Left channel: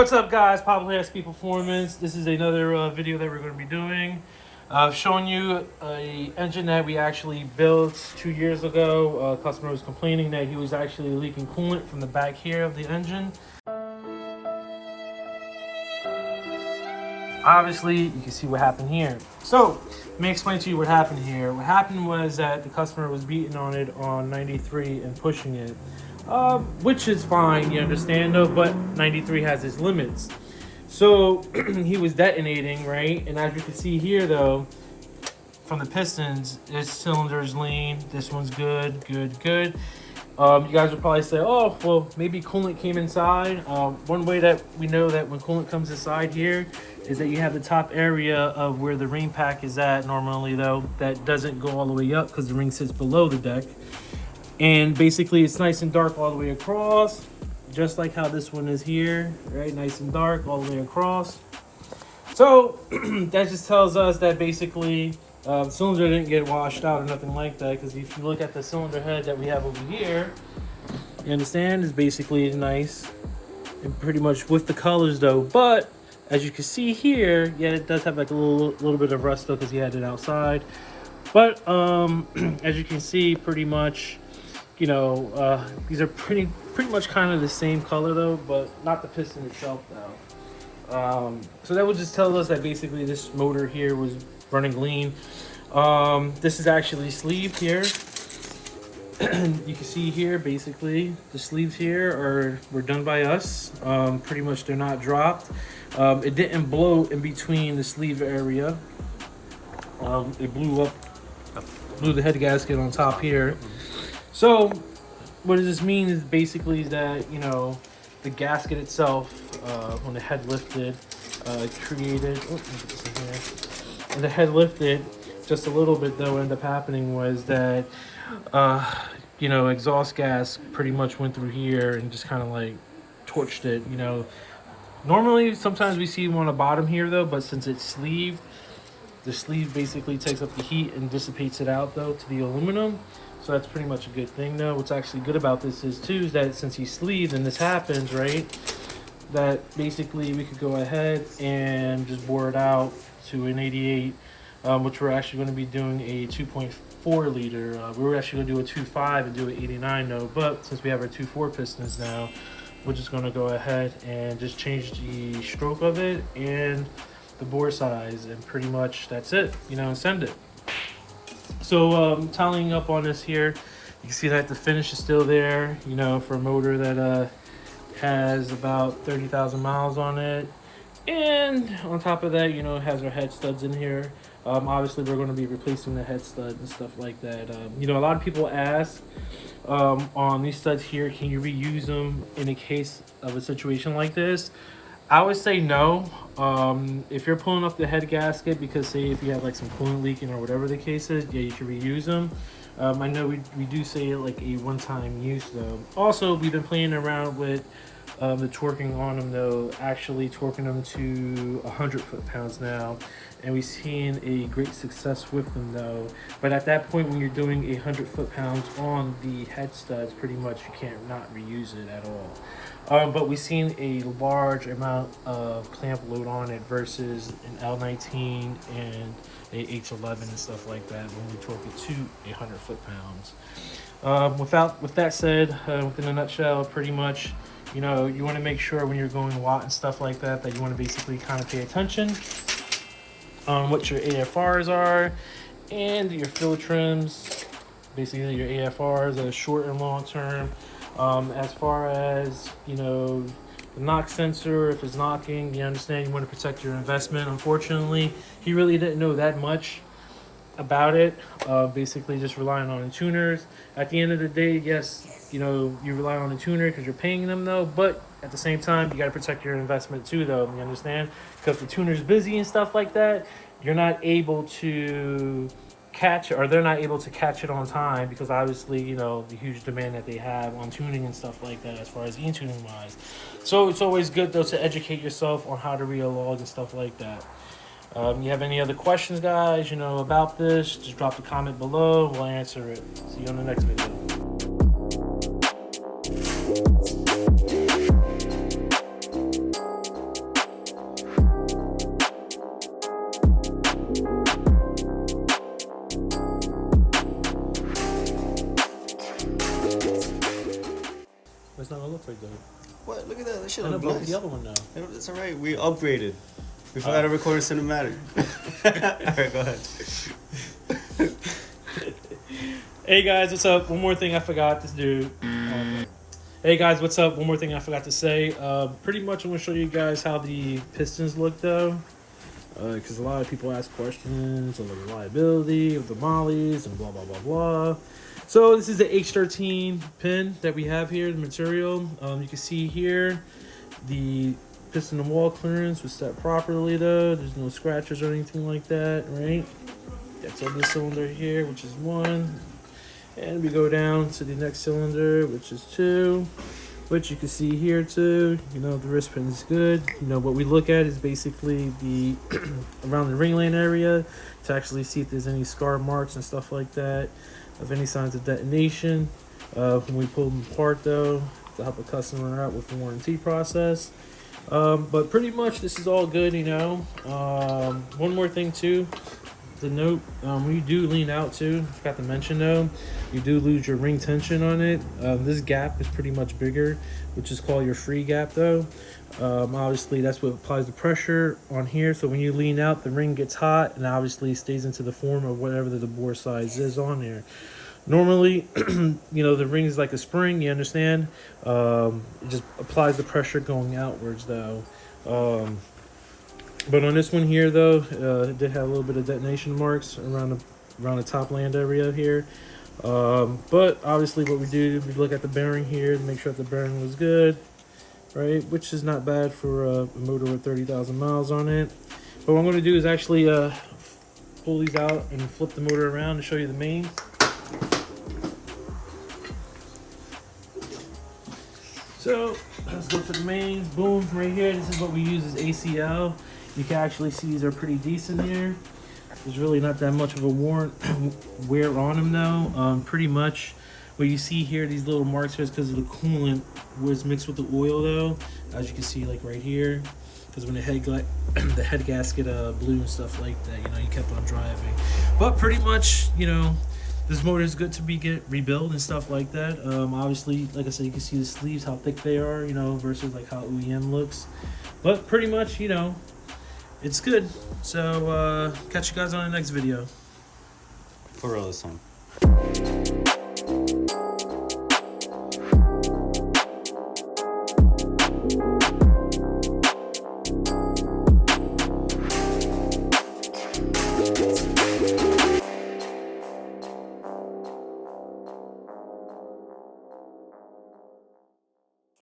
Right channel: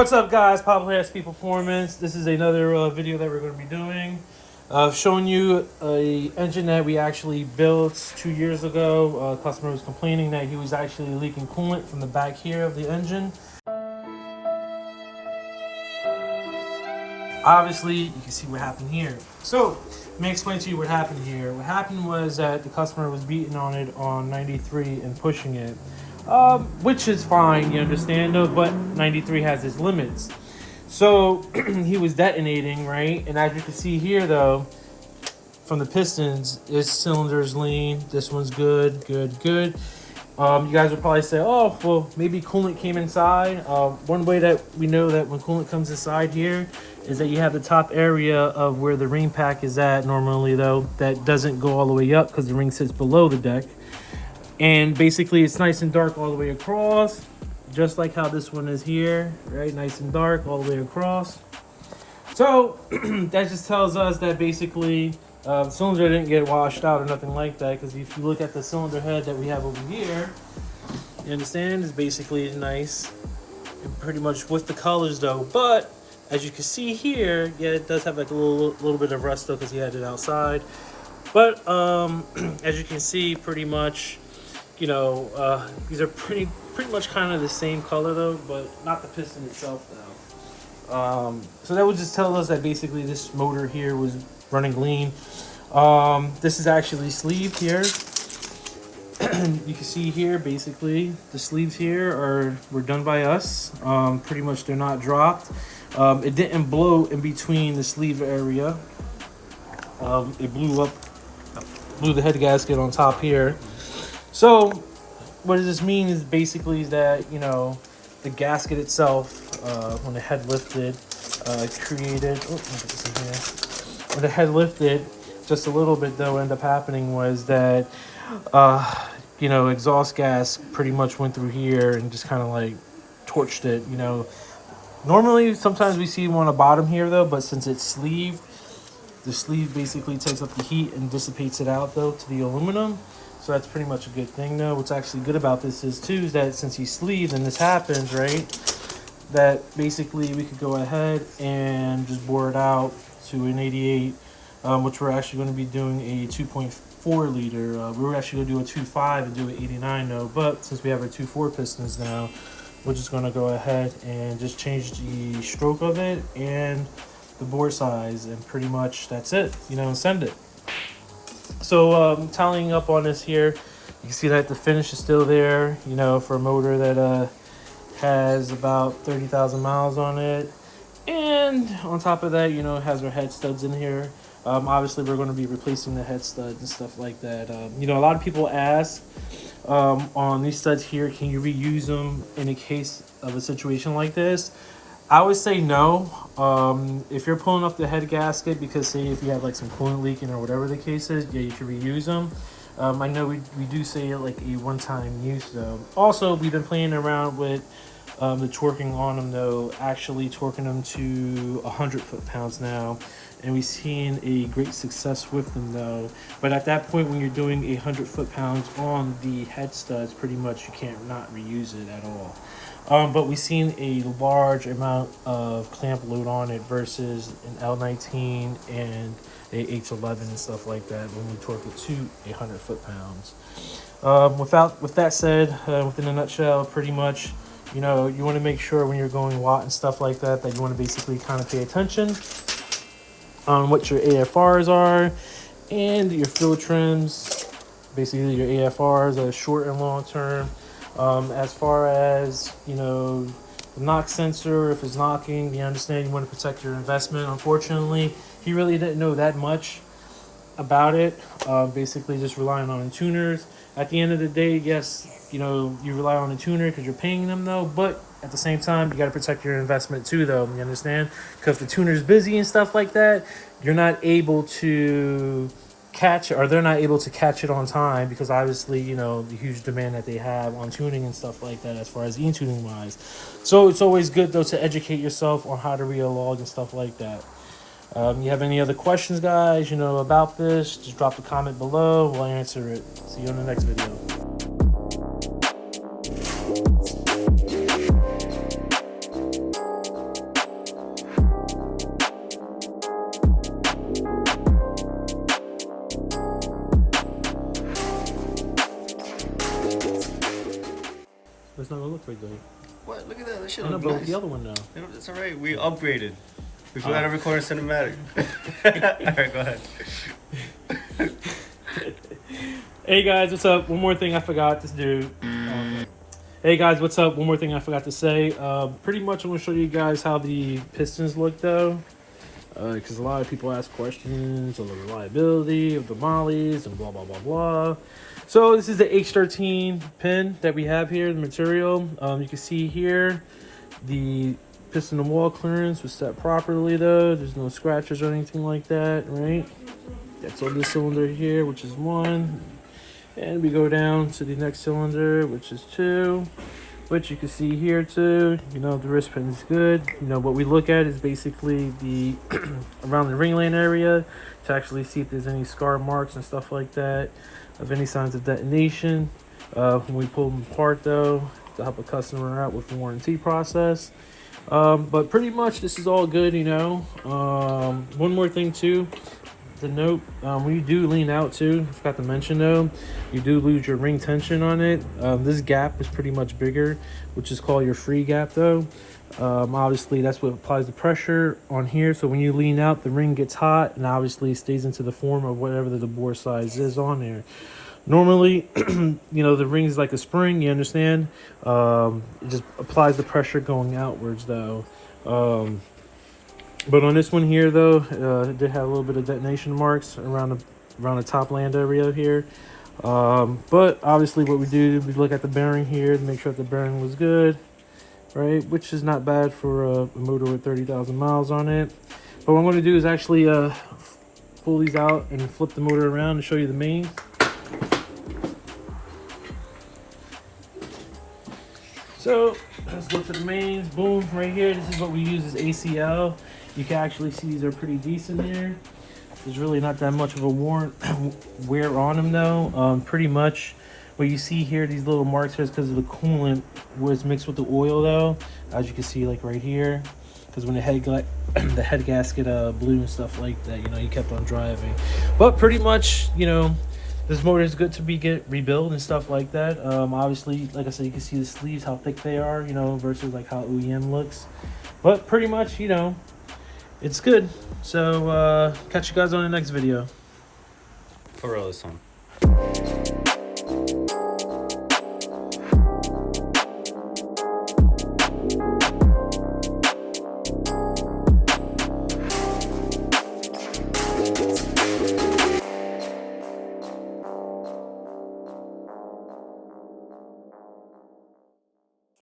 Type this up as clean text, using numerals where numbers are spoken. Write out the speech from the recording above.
What's up, guys? Popular Speed Performance. This is another video that we're going to be doing. Showing you a engine that we actually built 2 years ago. Customer was complaining that he was actually leaking coolant from the back here of the engine. Obviously, you can see what happened here. So, let me explain to you what happened here. What happened was that the customer was beating on it on 93 and pushing it. Which is fine, you understand though, but 93 has its limits. So he was detonating, right? And as you can see here though, from the Pistons, this cylinder's lean, this one's good. You guys would probably say, oh, well, maybe coolant came inside. One way that we know that when coolant comes inside here is that you have the top area of where the ring pack is at normally though, that doesn't go all the way up because the ring sits below the deck. And basically it's nice and dark all the way across, just like how this one is here, right? Nice and dark all the way across. So that just tells us that basically the cylinder didn't get washed out or nothing like that, because if you look at the cylinder head that we have over here, you understand, it's basically nice and pretty much with the colors though. But as you can see here, yeah, it does have like a little bit of rust though, because you had it outside. But as you can see, pretty much, you know, these are pretty much kind of the same color though, but not the piston itself now. So that would just tell us that basically this motor here was running lean. This is actually sleeved here. You can see here, basically the sleeves here were done by us. Pretty much they're not dropped. It didn't blow in between the sleeve area. It blew the head gasket on top here. So what does this mean is basically that, you know, the gasket itself, when the head lifted, created, when the head lifted just a little bit though, what ended up happening was that, you know, exhaust gas pretty much went through here and just kind of like torched it, you know. Normally, sometimes we see one on the bottom here though, but since it's sleeved, the sleeve basically takes up the heat and dissipates it out though to the aluminum. So that's pretty much a good thing though. What's actually good about this is too, is that since he's sleeved and this happens, right, that basically we could go ahead and just bore it out to an 88, which we're actually going to be doing a 2.4 liter. We were actually going to do a 2.5 and do an 89 though, but since we have our 2.4 pistons now, we're just going to go ahead and just change the stroke of it and the bore size, and pretty much that's it, you know, send it. So tallying up on this here, you can see that the finish is still there, you know, for a motor that has about 30,000 miles on it. And on top of that, you know, it has our head studs in here. Obviously we're going to be replacing the head studs and stuff like that. You know, a lot of people ask on these studs here, can you reuse them in a case of a situation like this? I would say no. If you're pulling up the head gasket, because say if you have like some coolant leaking or whatever the case is, yeah, you can reuse them. I know we do say like a one-time use though. Also, we've been playing around with the torquing on them though, actually torquing them to 100 foot-pounds now, and we've seen a great success with them though. But at that point, when you're doing 100 foot-pounds on the head studs, pretty much you can't not reuse it at all. But we've seen a large amount of clamp load on it versus an L19 and a H11 and stuff like that when we torque it to 100 foot-pounds. With that said, within a nutshell, pretty much, you know, you want to make sure when you're going watt and stuff like that, that you want to basically kind of pay attention on what your AFRs are and your fuel trims, basically your AFRs are short and long term. As far as, you know, the knock sensor, if it's knocking, you understand, you want to protect your investment. Unfortunately, he really didn't know that much about it. Basically just relying on tuners. At the end of the day, yes, you know, you rely on a tuner because you're paying them though, but at the same time, you got to protect your investment too though, you understand? Because the tuner's busy and stuff like that, you're not able to catch it, or they're not able to catch it on time, because obviously, you know, the huge demand that they have on tuning and stuff like that as far as e-tuning wise. So it's always good though to educate yourself on how to read a log and stuff like that. You have any other questions, guys, you know, about this, just drop a comment below, we'll answer it. See you in the next video. looks like that. What? Look at that. That shit I know, looks but nice. the other one now. It's alright. We upgraded. We forgot to record a cinematic. Alright, go ahead. Hey guys, what's up? One more thing I forgot to do. Hey guys, what's up? One more thing I forgot to say. Pretty much I'm going to show you guys how the Pistons look though. Because a lot of people ask questions on the reliability of the mollies and blah, blah, blah, blah. So this is the H13 pin that we have here, the material. You can see here the piston and wall clearance was set properly though. There's no scratches or anything like that, right? That's on this cylinder here, which is 1. And we go down to the next cylinder, which is 2. Which you can see here too, you know, the wrist pin is good. You know, what we look at is basically the around the ringland area to actually see if there's any scar marks and stuff like that, of any signs of detonation. When we pull them apart though, to help a customer out with the warranty process. But pretty much this is all good, you know. One more thing too. The note, when you do lean out too, I forgot to mention though, you do lose your ring tension on it. This gap is pretty much bigger, which is called your free gap though. Obviously that's what applies the pressure on here, so when you lean out the ring gets hot and obviously stays into the form of whatever the bore size is on there. Normally, you know, the ring is like a spring, you understand? It just applies the pressure going outwards though. But on this one here though, it did have a little bit of detonation marks around the top land area here. But obviously what we do, we look at the bearing here to make sure that the bearing was good, right? Which is not bad for a motor with 30,000 miles on it. But what I'm going to do is actually pull these out and flip the motor around to show you the mains. So let's go to the mains. Boom, right here. This is what we use as ACL. You can actually see these are pretty decent here. There's really not that much of a wear on them though. Pretty much what you see here, these little marks here, is because of the coolant was mixed with the oil though. As you can see, like right here, because when the head gasket blew and stuff like that, you know, you kept on driving. But pretty much, you know, this motor is good to get rebuilt and stuff like that. Obviously, like I said, you can see the sleeves, how thick they are, you know, versus like how OEM looks. But pretty much, you know, it's good. So catch you guys on the next video. For real this time.